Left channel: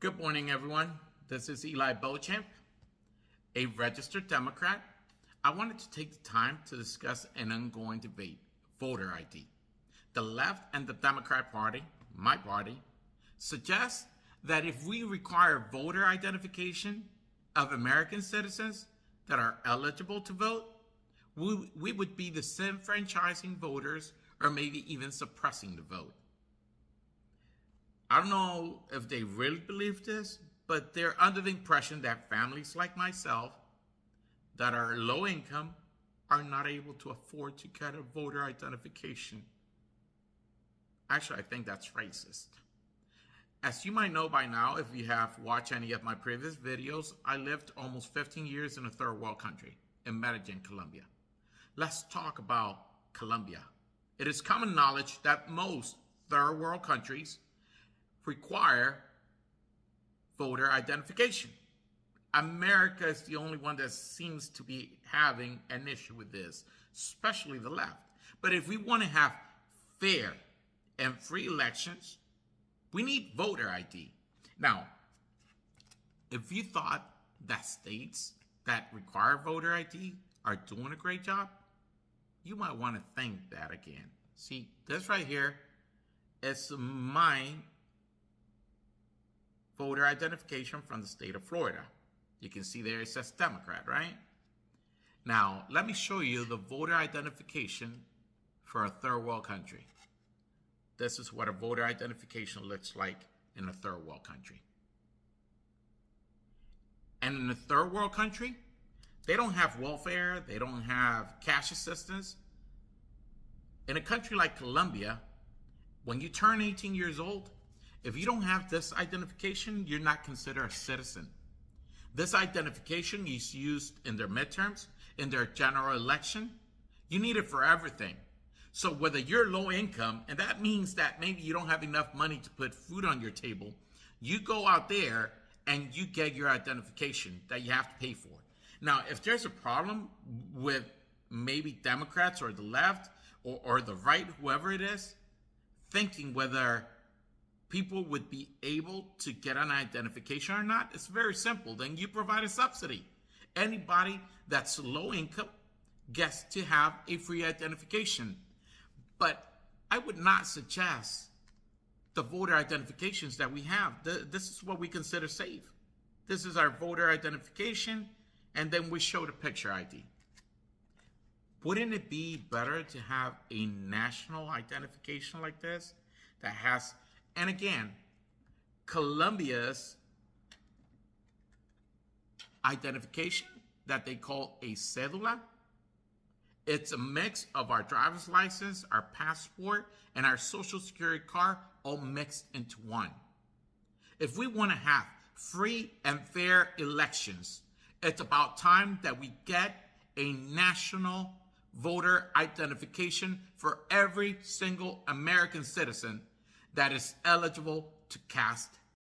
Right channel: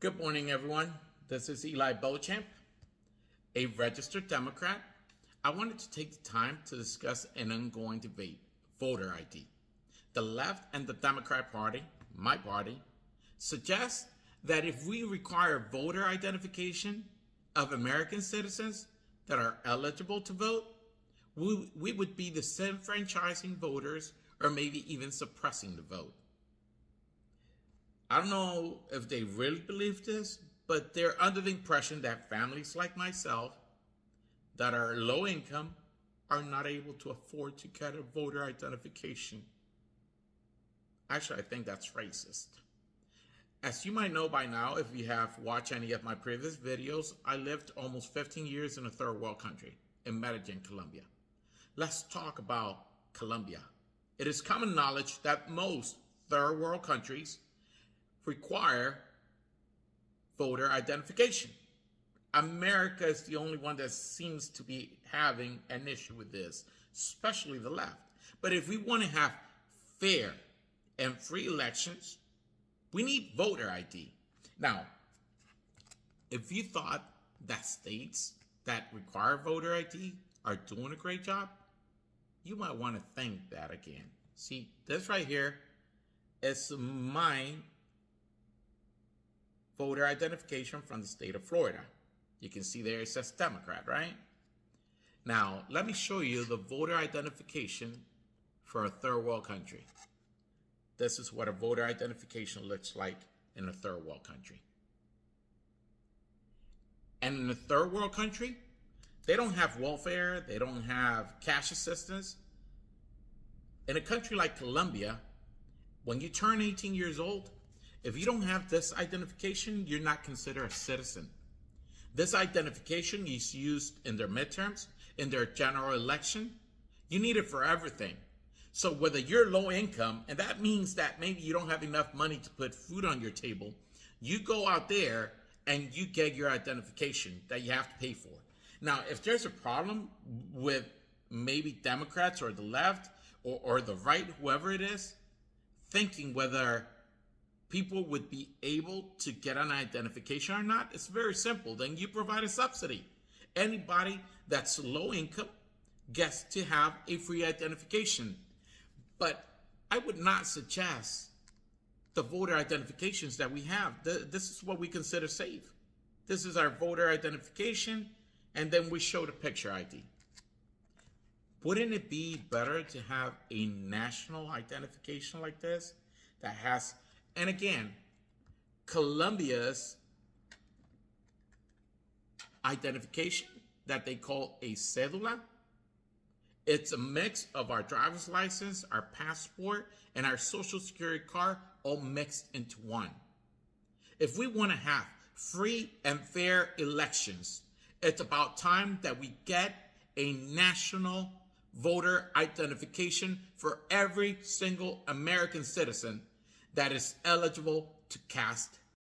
Good morning, everyone. This is Eli Beauchamp, a registered Democrat. I wanted to take the time to discuss an ongoing debate, voter ID. The left and the Democrat Party, my party, suggest that if we require voter identification of American citizens that are eligible to vote, we would be disenfranchising voters or maybe even suppressing the vote. I don't know if they really believe this, but they're under the impression that families like myself that are low income are not able to afford to get a voter identification. Actually, I think that's racist. As you might know by now, if you have watched any of my previous videos, I lived almost 15 years in a third world country, in Medellin, Colombia. Let's talk about Colombia. It is common knowledge that most third world countries require voter identification. America is the only one that seems to be having an issue with this, especially the left. But if we want to have fair and free elections, we need voter ID. Now, if you thought that states that require voter ID are doing a great job, you might want to think that again. See, this right here is my voter identification from the state of Florida. You can see there it says Democrat, right? Now, let me show you the voter identification for a third world country. This is what a voter identification looks like in a third world country. And in a third world country, they don't have welfare, they don't have cash assistance. In a country like Colombia, when you turn 18 years old, if you don't have this identification, you're not considered a citizen. This identification is used in their midterms, in their general election. You need it for everything. So whether you're low income, and that means that maybe you don't have enough money to put food on your table, you go out there and you get your identification that you have to pay for. Now, if there's a problem with maybe Democrats or the left or the right, whoever it is, thinking whether people would be able to get an identification or not, it's very simple. Then you provide a subsidy. Anybody that's low income gets to have a free identification. But I would not suggest the voter identifications that we have. This is what we consider safe. This is our voter identification, and then we show the picture ID. Wouldn't it be better to have a national identification like this that has, and again, Colombia's identification that they call a cédula? It's a mix of our driver's license, our passport, and our social security card all mixed into one. If we want to have free and fair elections, it's about time that we get a national voter identification for every single American citizen that is eligible to cast